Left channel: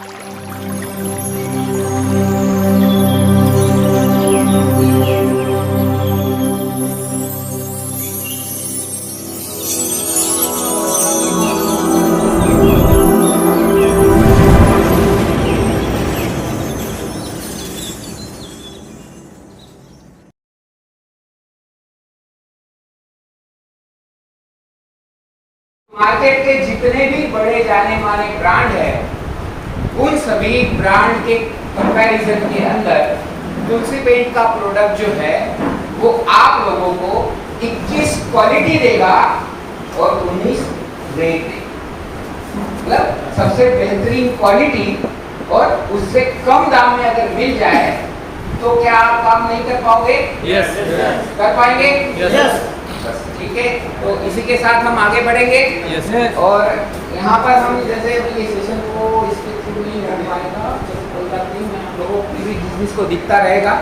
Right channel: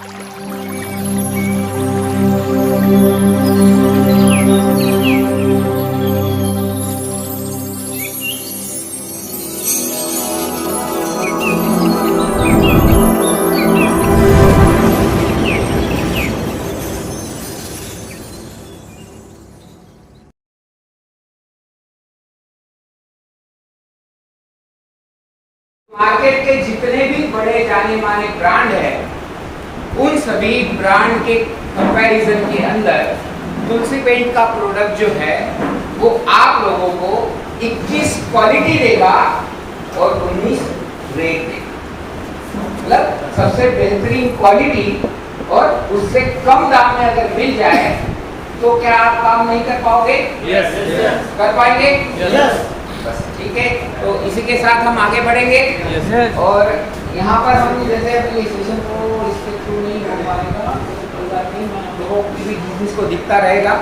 Market के जितने भी बड़े जाने माने ब्रांड है, उन सभी ब्रांड के कंपैरिजन के अंदर तुलसी पेंट का प्रोडक्ट जो है वो आप लोगों को 21 क्वालिटी देगा और 19 रेट देगा। मतलब सबसे बेहतरीन क्वालिटी और उससे कम दाम में अगर मिल जाए तो क्या आप काम नहीं कर पाओगे? यस कर पाएंगे? यस बस ठीक है। तो इसी के साथ हम आगे बढ़ेंगे और यहाँ पर हम जैसे अपनी सेशन को इसके थ्रू नहीं कर पाएगा तो कोई बात नहीं, मैं आप लोगों की भी जिसको दिखता रहेगा।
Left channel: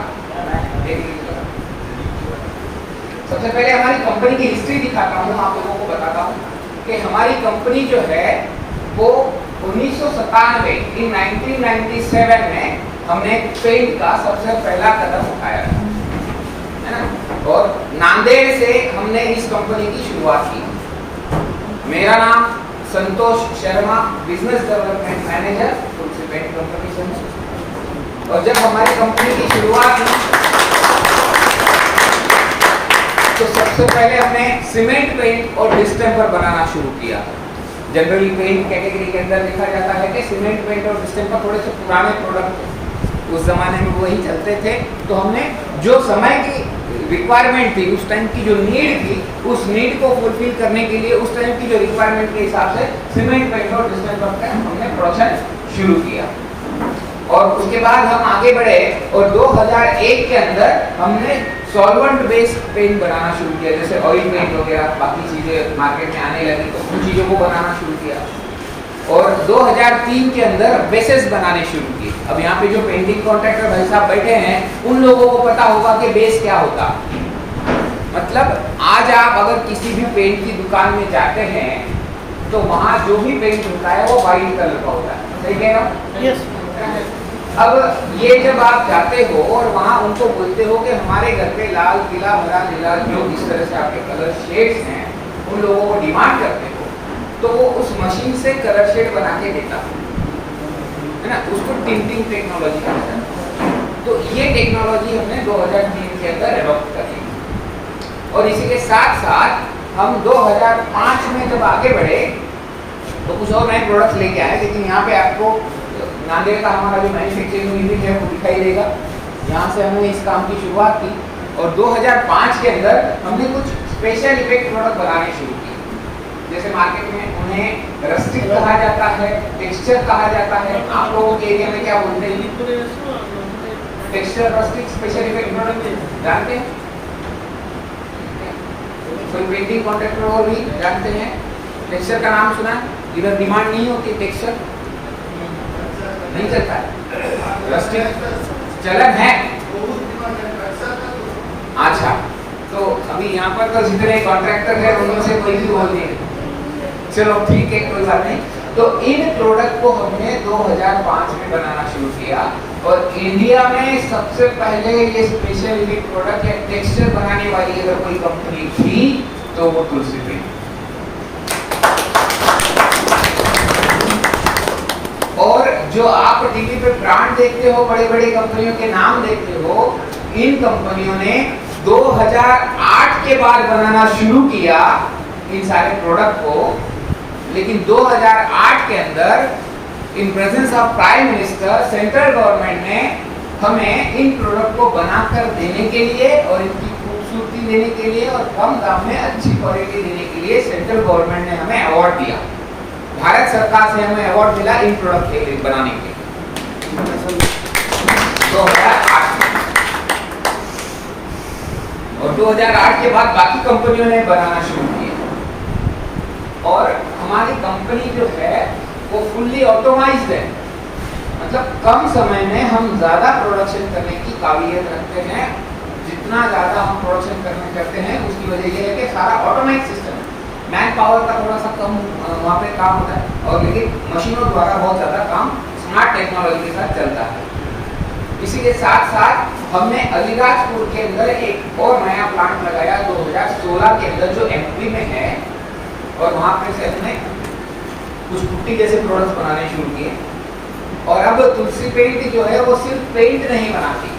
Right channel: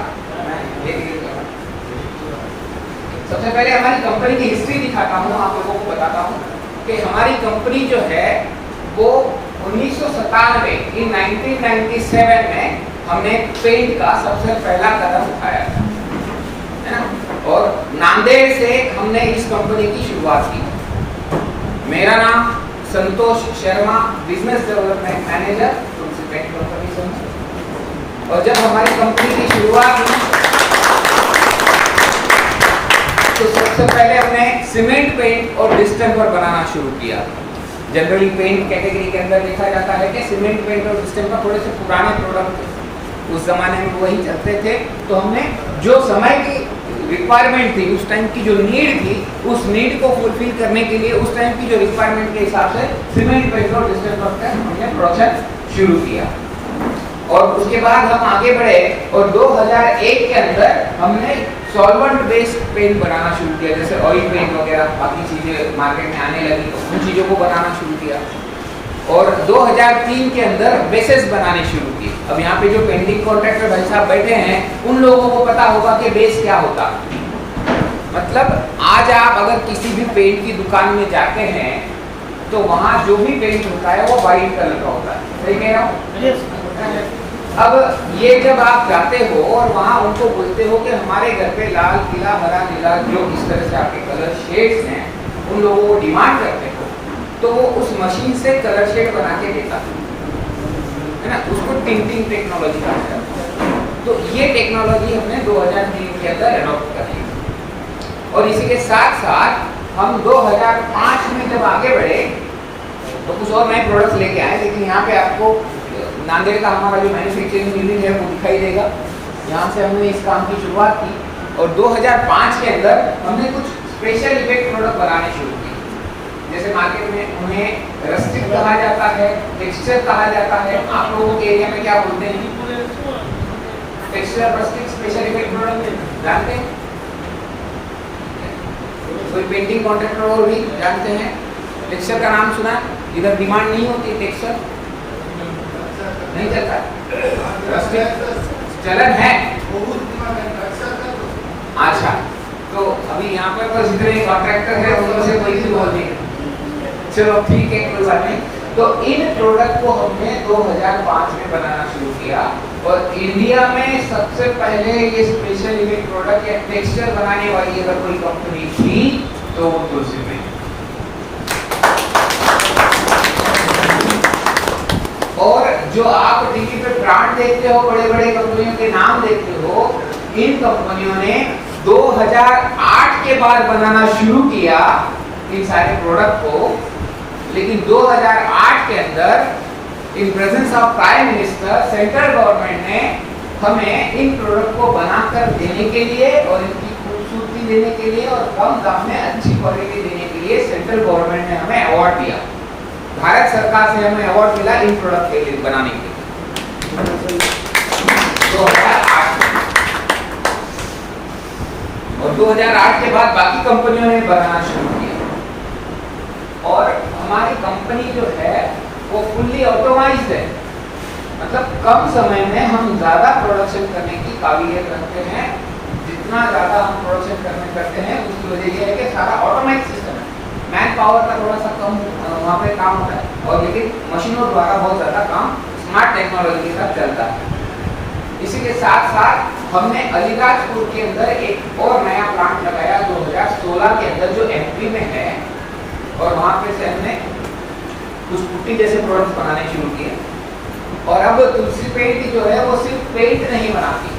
सबसे पहले हमारी कंपनी की हिस्ट्री दिखाता हूँ, आप लोगों को बताता हूँ कि हमारी कंपनी जो है वो 1997 इन 1997 में हमने पेंट का सबसे पहला कदम उठाया था, है ना। और नांदेड़ से हमने इस कंपनी की शुरुआत की। मेरा नाम Santosh Sharma, business development manager तुलसी पेंट कंपनी से हूँ। और जब हमारी कंपनी की शुरुआत हुई तो सबसे पहले हमने सीमेंट पेंट और डिस्टेम्पर बनाना शुरू किया। जनरली पेंट कैटेगरी के अंदर देखा जाता है कि सीमेंट पेंट और डिस्टेम्पर थोड़े से पुराने प्रोडक्ट थे, उस जमाने में वही चलते थे। तो हमने जो समय की रिक्वायरमेंट थी, उस टाइम की जो नीड थी, उस नीड को फुलफिल करने के लिए उस टाइम की जो रिक्वायरमेंट के हिसाब से सीमेंट पेंट और डिस्टेम्पर का हमने प्रोडक्शन शुरू किया। और उसके बाद हम आगे बढ़े और 2001 के अंदर हमने सॉल्वेंट बेस्ड पेंट बनाना शुरू किया, जैसे ऑयल पेंट वगैरह बाकी चीजें मार्केट में आने लगी तो उन चीजों को बनाना शुरू किया। और 2003 के अंदर बेसेस बनाने शुरू किए। अब यहाँ पे जो पेंटिंग कॉन्ट्रैक्टर भाई साहब बैठे हैं उन लोगों को पता होगा कि बेस क्या होता। मतलब आज आप अगर किसी भी पेंट की दुकान में जाते हैं तो वहाँ जो भी पेंट होता है वो वाइट कलर का होता है, सही कह रहा हूँ? यस। अब ये जब आप जाते हो और वहाँ उनको बोलते हो कि हमारे घर पे लाल, पीला, हरा, नीला जो इस तरह से आपके कलर शेड्स हैं, उन लोगों को डिमांड करते हो तो वो उस मशीन से कलर शेड बना के देता है ना। उसको टिंटिंग टेक्नोलॉजी कहा जाता है। तो ये टेक्नोलॉजी हमने 2003 के अंदर एडॉप्ट कर ली। और इसी के साथ साथ हम 2005 में जब आगे बढ़े तो कुछ और नए प्रोडक्ट्स लेके आए। लेकिन यहाँ पे आपको नांदेड़ का हमारा जो मैन्युफैक्चरिंग यूनिट है वो दिखाई देगा। यहाँ से हमने इस काम की शुरुआत की और 2005 के अंदर हमने कुछ स्पेशल इफेक्ट प्रोडक्ट बनाने शुरू किए। जैसे मार्केट में उन्हें रस्टिक कहा जाता है, टेक्सचर कहा जाता है। आप लोगों के एरिया में क्या बोलते हैं? Texture, rustic, special effect product जानते हैं? कोई पेंटिंग कॉन्ट्रैक्टर और भी जानते हैं? टेक्सचर का नाम सुना है? इधर डिमांड नहीं होती टेक्सचर, नहीं चलता। रस्टिक चलन है। अच्छा, तो अभी यहाँ पर तो जितने कॉन्ट्रैक्टर है उनमें से कोई भी बोल नहीं। चलो ठीक है, कोई बात नहीं। तो इन प्रोडक्ट को हमने 2005 में बनाना शुरू किया और इंडिया में सबसे पहले ये स्पेशल इफेक्ट प्रोडक्ट या टेक्सचर बनाने वाली अगर कोई कंपनी थी तो वो तुलसी पेंट। और जो आप टीवी पे ब्रांड देखते हो, बड़े बड़े कंपनियों के नाम देखते हो, इन कंपनियों ने 2008 के बाद बनाना शुरू किया इन सारे प्रोडक्ट को। लेकिन 2008 के अंदर in presence of prime minister central government ने हमें इन प्रोडक्ट को बनाकर देने के लिए और इनकी खूबसूरती देने के लिए और कम दाम में अच्छी क्वालिटी देने के लिए सेंट्रल गवर्नमेंट ने हमें अवार्ड दिया। भारत सरकार से हमें अवार्ड मिला इन प्रोडक्ट के लिए बनाने के लिए 2008 में। और 2008 के बाद बाकी कंपनियों ने बनाना शुरू किया। और हमारी कंपनी जो है वो फुल्ली ऑटोमाइज्ड है। मतलब कम समय में हम ज़्यादा प्रोडक्शन करने की काबिलियत रखते हैं। जितना ज़्यादा हम प्रोडक्शन करते हैं उसकी वजह यह है कि सारा ऑटोमाइज सिस्टम है। मैन पावर का थोड़ा सा कम वहाँ पे काम होता है और लेकिन मशीनों द्वारा बहुत ज़्यादा काम स्मार्ट टेक्नोलॉजी के साथ चलता है। इसी के साथ साथ हमने अलीराजपुर के अंदर एक और नया प्लांट लगाया 2016 के अंदर, जो एमपी में है, और वहाँ पे से हमने कुछ पुट्टी जैसे प्रोडक्ट्स बनाने शुरू किए। और अब तुलसी पेंट जो है वो सिर्फ पेंट नहीं बनाती।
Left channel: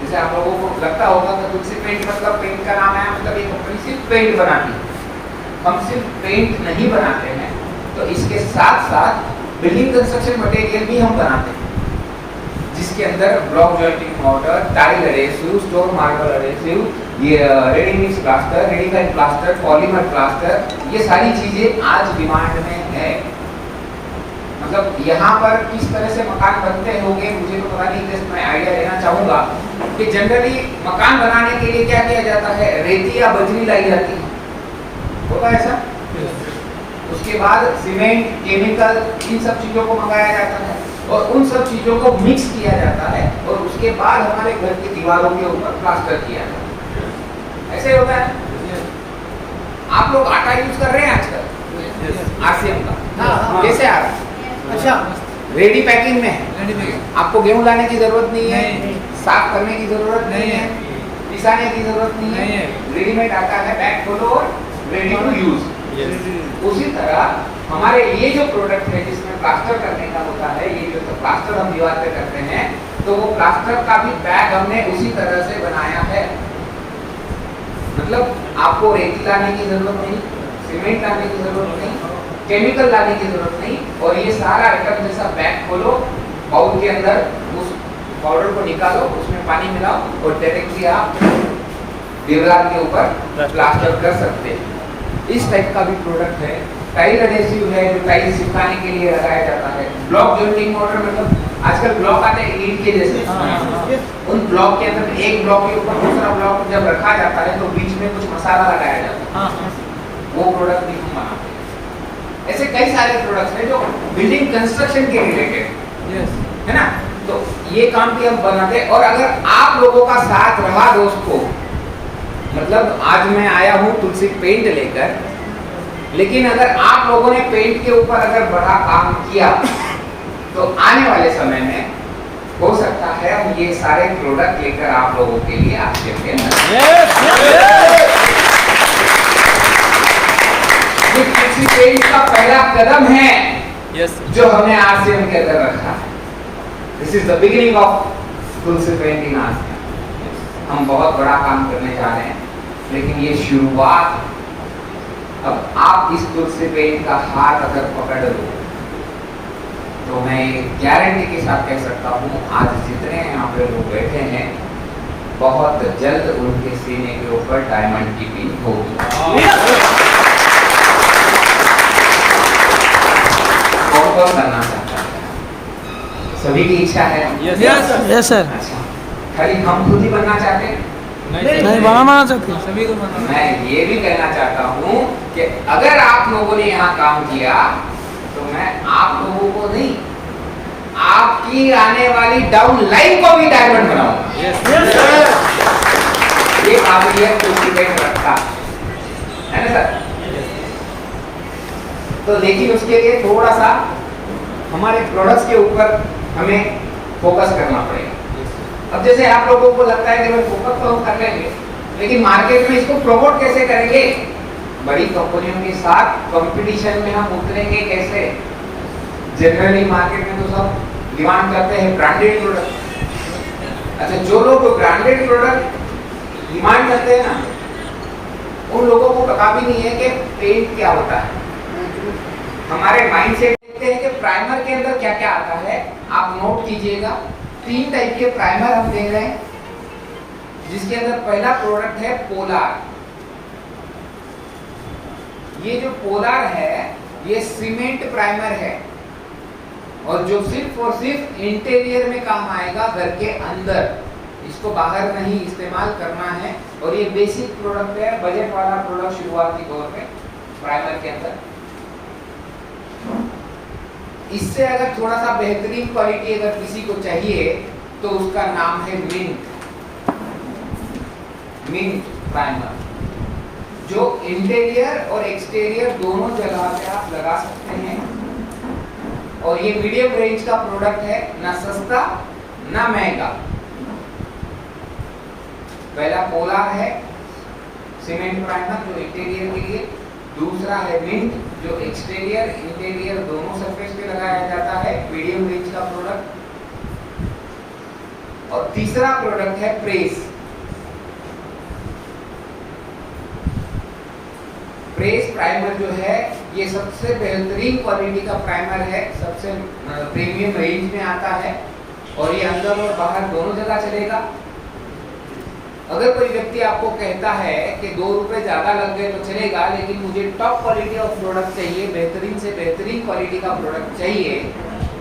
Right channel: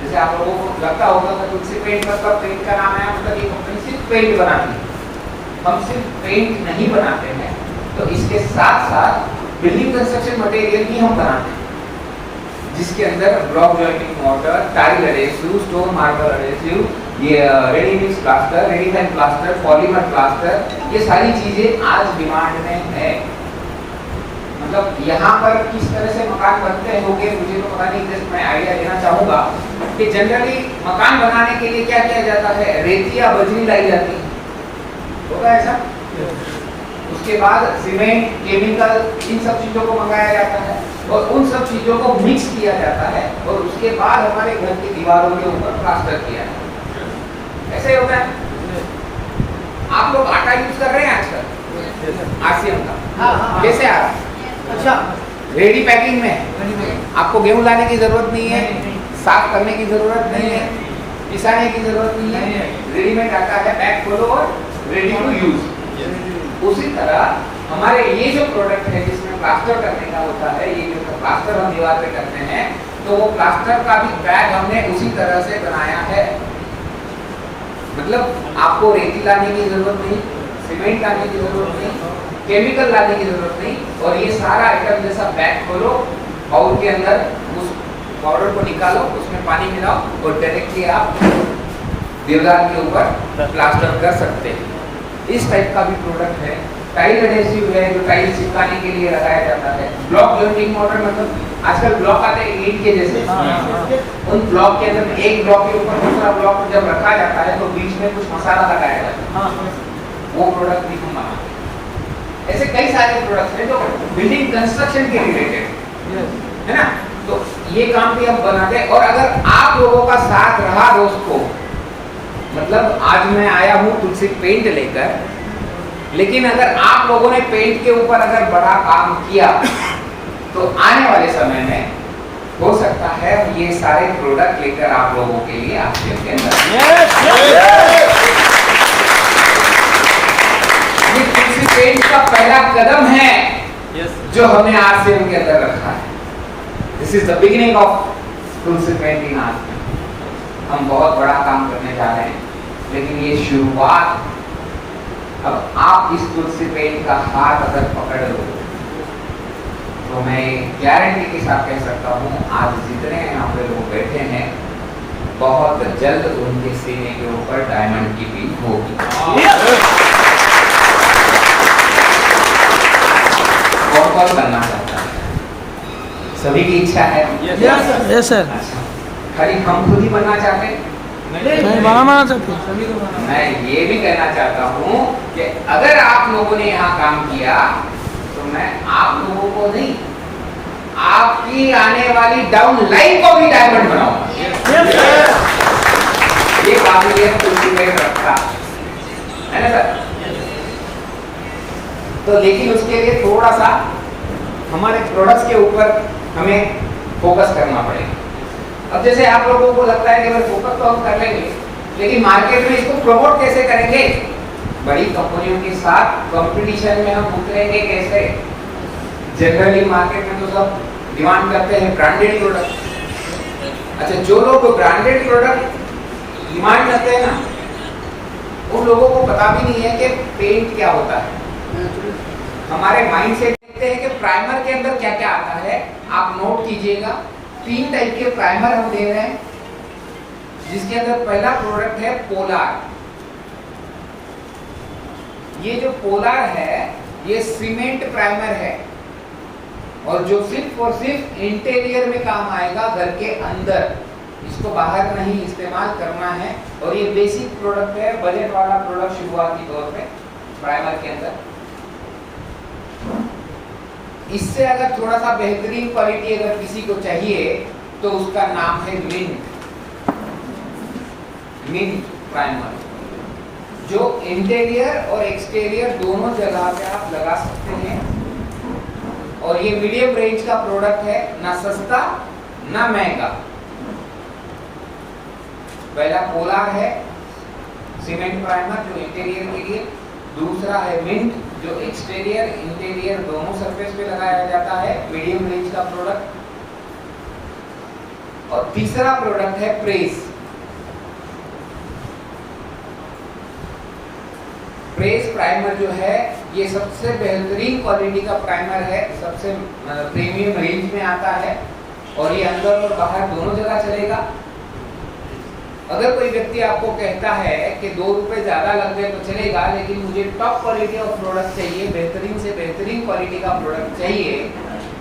जैसे आप लोगों को लगता होगा कि तुलसी पेंट मतलब पेंट का नाम है, मतलब ये कंपनी सिर्फ पेंट बनाती है। हम सिर्फ पेंट नहीं बनाते हैं, तो इसके साथ साथ बिल्डिंग कंस्ट्रक्शन मटेरियल भी हम बनाते हैं, जिसके अंदर block jointing mortar, tile adhesive, stone marble adhesive, ये ready mix plaster, readymade plaster, polymer plaster, ये सारी चीजें आज डिमांड में है। मतलब यहाँ पर किस तरह से मकान बनते होंगे मुझे तो पता नहीं, जस्ट मैं आइडिया देना चाहूँगा कि जनरली मकान बनाने के लिए क्या किया जाता है, रेती या बजरी लाई जाती है, होगा ऐसा? उसके बाद सीमेंट, केमिकल, इन सब चीजों को मंगाया जाता है और उन सब चीजों को मिक्स किया जाता है और उसके बाद हमारे घर की दीवारों के ऊपर प्लास्टर किया जाता है। ऐसे होता है। आप लोग आटा यूज कर रहे हैं आजकल आरसीएम का, कैसे आ रहा है? अच्छा, रेडी पैकिंग में आपको गेहूं लाने की जरूरत नहीं है, साफ करने की जरूरत नहीं है, पिसाने की जरूरत नहीं है, रेडीमेड आता है, पैक खोलो और रेडी टू यूज। उसी तरह हमारे ये जो प्रोडक्ट है जिसमें प्लास्टर करने का होता है, ये जो प्लास्टर हम दीवार पे करते हैं, तो वो प्लास्टर का भी बैग हमने उसी तरह से बनाया है। मतलब आपको रेती लाने की जरूरत नहीं, सीमेंट लाने की जरूरत नहीं, केमिकल लाने की जरूरत नहीं, और ये सारा आइटम जैसा बैग खोलो, बाउल के अंदर उस पाउडर को निकालो, उसमें पानी मिलाओ और डायरेक्टली आप दीवार के ऊपर प्लास्टर कर सकते हैं। इस टाइप का भी प्रोडक्ट है। टाइल एडहेसिव है, जो टाइल चिपकाने के लिए लगाया जाता है। ब्लॉक जॉइंटिंग मोर्टर, मतलब आजकल ब्लॉक आते हैं ईंट के जैसे, उन ब्लॉक के अंदर एक ब्लॉक के ऊपर दूसरा ब्लॉक जब रखा जाता है तो बीच में कुछ मसाला लगाया जाता है, वो प्रोडक्ट भी हम बनाते हैं। ऐसे कई सारे प्रोडक्ट्स हैं जो बिल्डिंग कंस्ट्रक्शन के रिलेटेड है ना, तो ये काम भी हम बनाते हैं। और अगर आप लोगों का साथ रहा दोस्तों, मतलब आज मैं आया हूँ तुलसी पेंट लेकर, लेकिन अगर आप लोगों ने पेंट के ऊपर अगर बड़ा काम किया तो आने वाले समय में हो सकता है हम ये सारे प्रोडक्ट लेकर आप लोगों के लिए आरसीएम के अंदर, ये तुलसी पेंट का पहला कदम है जो हमने आरसीएम के अंदर रखा है। This is the beginning of Tulsi paint in RCM. हम बहुत बड़ा काम करने जा रहे हैं, लेकिन ये शुरुआत। अब आप इस तुलसी पेंट का हाथ अगर पकड़ लो तो मैं गारंटी के साथ कह सकता हूँ, आज जितने यहाँ पे लोग बैठे हैं, बहुत जल्द उनके सीने के ऊपर डायमंड की बीज होगी। कौन कौन बनना चाहता है? सभी की इच्छा है? Yes sir. अच्छा, खाली हम खुद ही बनना चाहते हैं? नहीं, बनाना चाहते हैं सभी को। मैं ये भी कहना चाहता हूँ कि अगर आप लोगों ने यहाँ काम किया तो मैं आप लोगों को नहीं, आपकी आने वाली डाउन लाइन को भी डायमंड बनाऊंगा। ये काबिलियत तुलसी पेंट रखता है ना सर? तो लेकिन उसके लिए थोड़ा सा हमारे प्रोडक्ट्स के ऊपर हमें फोकस करना पड़ेगा। अब जैसे आप लोगों को लगता है कि मैं फोकस तो हम कर लेंगे, लेकिन मार्केट में इसको प्रमोट कैसे करेंगे? बड़ी कंपनियों के साथ कंपटीशन में हम उतरेंगे कैसे? जनरली मार्केट में तो सब डिमांड करते हैं ब्रांडेड प्रोडक्ट। अच्छा, जो लोग ब्रांडेड प्रोडक्ट डिमांड करते हैं ना, उन लोगों को पता भी नहीं है कि पेंट क्या होता है। हमारे माइंड से देखते हैं कि प्राइमर के अंदर क्या क्या आता है। आप नोट कीजिएगा, 3 टाइप के प्राइमर हम दे रहे हैं, जिसके अंदर पहला प्रोडक्ट है पोलार। ये जो पोलार है ये सीमेंट प्राइमर है, और जो सिर्फ और सिर्फ इंटीरियर में काम आएगा, घर के अंदर, इसको बाहर नहीं इस्तेमाल करना है। और ये बेसिक प्रोडक्ट है, बजट वाला प्रोडक्ट शुरुआती तौर पे प्राइमर के अंदर। इससे अगर थोड़ा सा बेहतरीन क्वालिटी अगर किसी को चाहिए तो उसका नाम है मिंट प्राइमर, जो इंटीरियर और एक्सटीरियर दोनों जगह पे आप लगा सकते हैं और ये मीडियम रेंज का प्रोडक्ट है, ना सस्ता ना महंगा। पहला पोलार है सीमेंट प्राइमर जो इंटीरियर के लिए, दूसरा है मिंट जो एक्सटीरियर इंटीरियर दोनों सरफेस पे लगाया जाता है, मीडियम रेंज का प्रोडक्ट। और तीसरा प्रोडक्ट है प्रेस। प्रेस प्राइमर जो है ये सबसे बेहतरीन क्वालिटी का प्राइमर है, सबसे प्रीमियम रेंज में आता है और ये अंदर और बाहर दोनों जगह चलेगा। अगर कोई व्यक्ति आपको कहता है कि 2 रुपए ज्यादा लग गए तो चलेगा, लेकिन मुझे टॉप क्वालिटी ऑफ प्रोडक्ट चाहिए, बेहतरीन से बेहतरीन क्वालिटी का प्रोडक्ट चाहिए,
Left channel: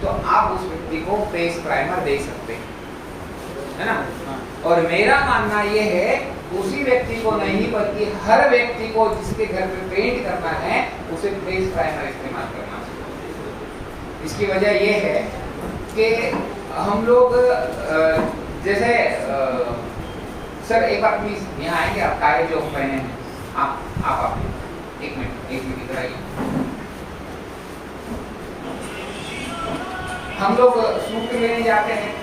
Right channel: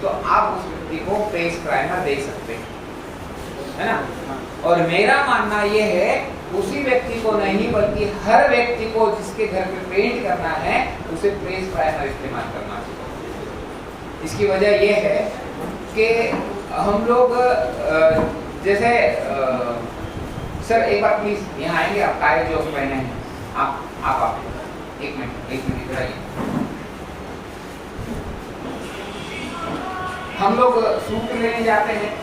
तो आप उस व्यक्ति को प्रेस प्राइमर दे सकते हैं, है ना। और मेरा मानना ये है उसी व्यक्ति को नहीं बल्कि हर व्यक्ति को जिसके घर पे पेंट करना है उसे प्रेस प्राइमर इस्तेमाल करना चाहिए। इसकी वजह ये है कि हम लोग जैसे सर एक बार प्लीज यहाँ आएंगे, आप टाई जो पहने हैं आप एक मिनट इधर आइए। हम लोग सूट लेने जाते हैं,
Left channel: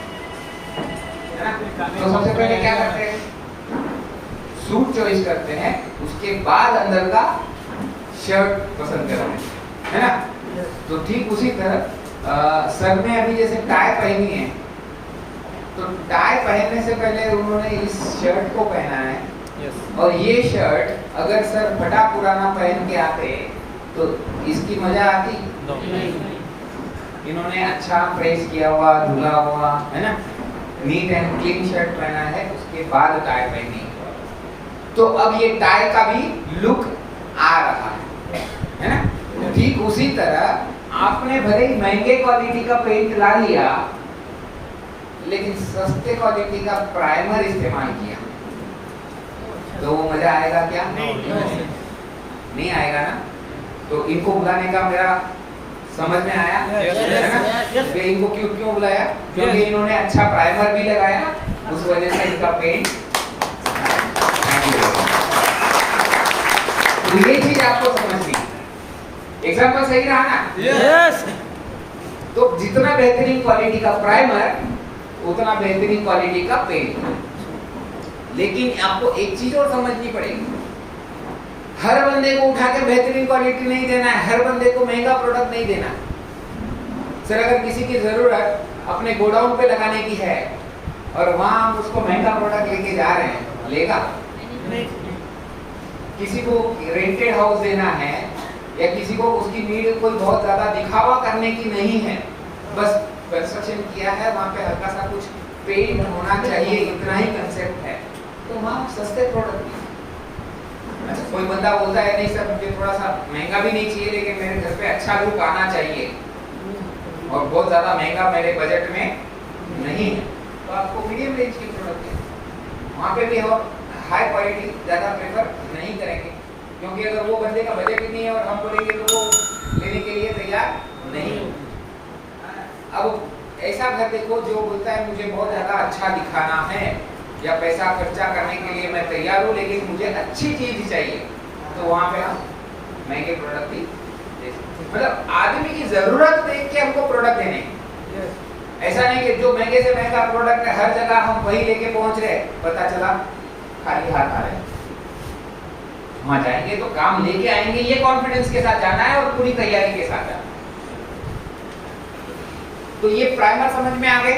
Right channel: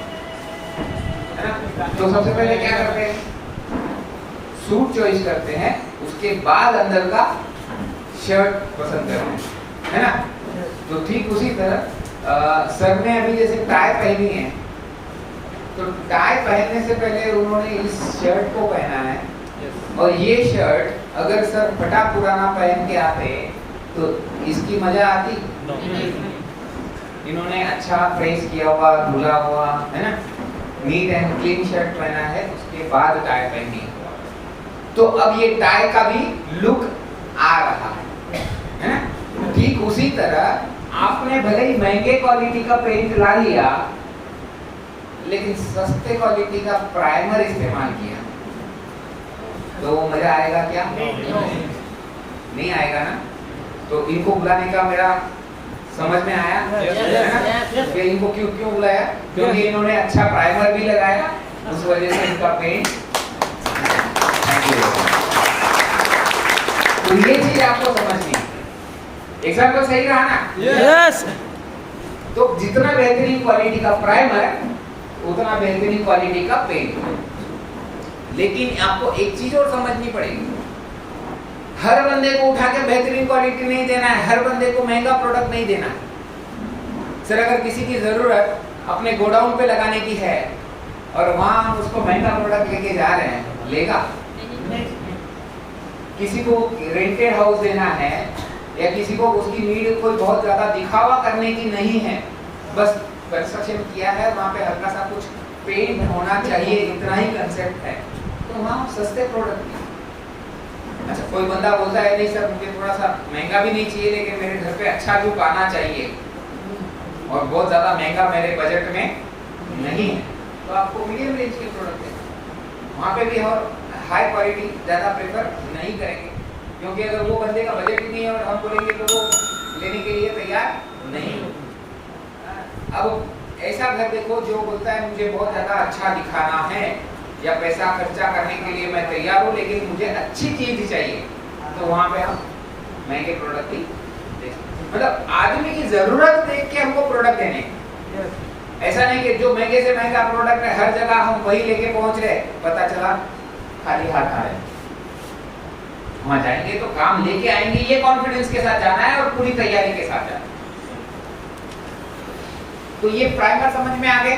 है ना, तो सबसे पहले क्या करते हैं, सूट चॉइस करते हैं, उसके बाद अंदर का शर्ट पसंद करते हैं, है ना। तो ठीक उसी तरह सर ने अभी जैसे टाई पहनी है, तो टाई पहनने से पहले उन्होंने इस शर्ट को पहना है, और ये शर्ट अगर सर फटा पुराना पहन के आते तो इसकी मजा आती। इन्होंने अच्छा प्रेस किया हुआ, धुला हुआ, है ना, नीट एंड क्लीन शर्ट पहना है, उसके बाद टाई पहनी है, तो अब ये टाई का भी लुक आ रहा है ना। ठीक उसी तरह आपने भले ही महंगे क्वालिटी का पेंट ला लिया, लेकिन सस्ते क्वालिटी का प्राइमर इस्तेमाल किया, तो वो मजा आएगा क्या? नहीं आएगा ना। तो इनको बुलाने का मेरा समझ में आया है ना, कि इनको क्यों बुलाया, क्योंकि इन्होंने अच्छा प्राइमर भी लगाया, उस वजह से इनका पेंट। तो ये चीज आपको समझनी, एग्जाम्पल सही रहा ना? यस। तो जितना बेहतरीन क्वालिटी का प्राइमर उतना बेहतरीन क्वालिटी का पेंट। लेकिन आपको एक चीज और समझनी पड़ेगी, हर बंदे को उठा के बेहतरीन क्वालिटी नहीं देना है, हर बंदे को महंगा प्रोडक्ट नहीं देना। सर अगर किसी की जरूरत अपने गोडाउन पे लगाने की है और वहां हम उसको महंगा प्रोडक्ट लेके जा रहे हैं, लेगा? किसी को रेंटेड हाउस देना है या किसी को उसकी नीड कोई बहुत ज्यादा दिखावा करने की नहीं है, बस कंस्ट्रक्शन किया है, वहाँ पे हल्का सा कुछ पेंट होना चाहिए, इतना ही कंसेप्ट है, तो वहाँ सस्ते प्रोडक्ट। अच्छा कोई बंदा बोलता है नहीं सर मुझे थोड़ा सा महंगा भी नहीं चाहिए, लेकिन मेरे घर पे अच्छा लुक आना चाहिए और बहुत ज्यादा महंगा मेरे बजट में नहीं है, तो आपको मीडियम रेंज की प्रोडक्ट है, वहाँ पे भी और हाई क्वालिटी ज्यादा प्रेफर नहीं करेंगे, क्योंकि अगर वो बंदे का बजट ही नहीं है और हम बोलेंगे तो वो लेने के लिए तैयार नहीं। अब ऐसा घर देखो जो बोलता है मुझे बहुत ज्यादा अच्छा दिखाना है या पैसा खर्चा करने के लिए मैं तैयार हूँ, लेकिन मुझे अच्छी चीज चाहिए, तो वहाँ पे हम महंगे प्रोडक्ट ही मतलब आदमी की जरूरत देख के हमको प्रोडक्ट देने। ऐसा नहीं कि जो महंगे से महंगा प्रोडक्ट है हर जगह हम वही लेके पहुंच रहे, पता चला खाली हाथ आ रहे। वहां जाएंगे तो काम लेके आएंगे, ये कॉन्फिडेंस के साथ जाना है और पूरी तैयारी के साथ जाना है। तो ये प्राइमर समझ में आ गए?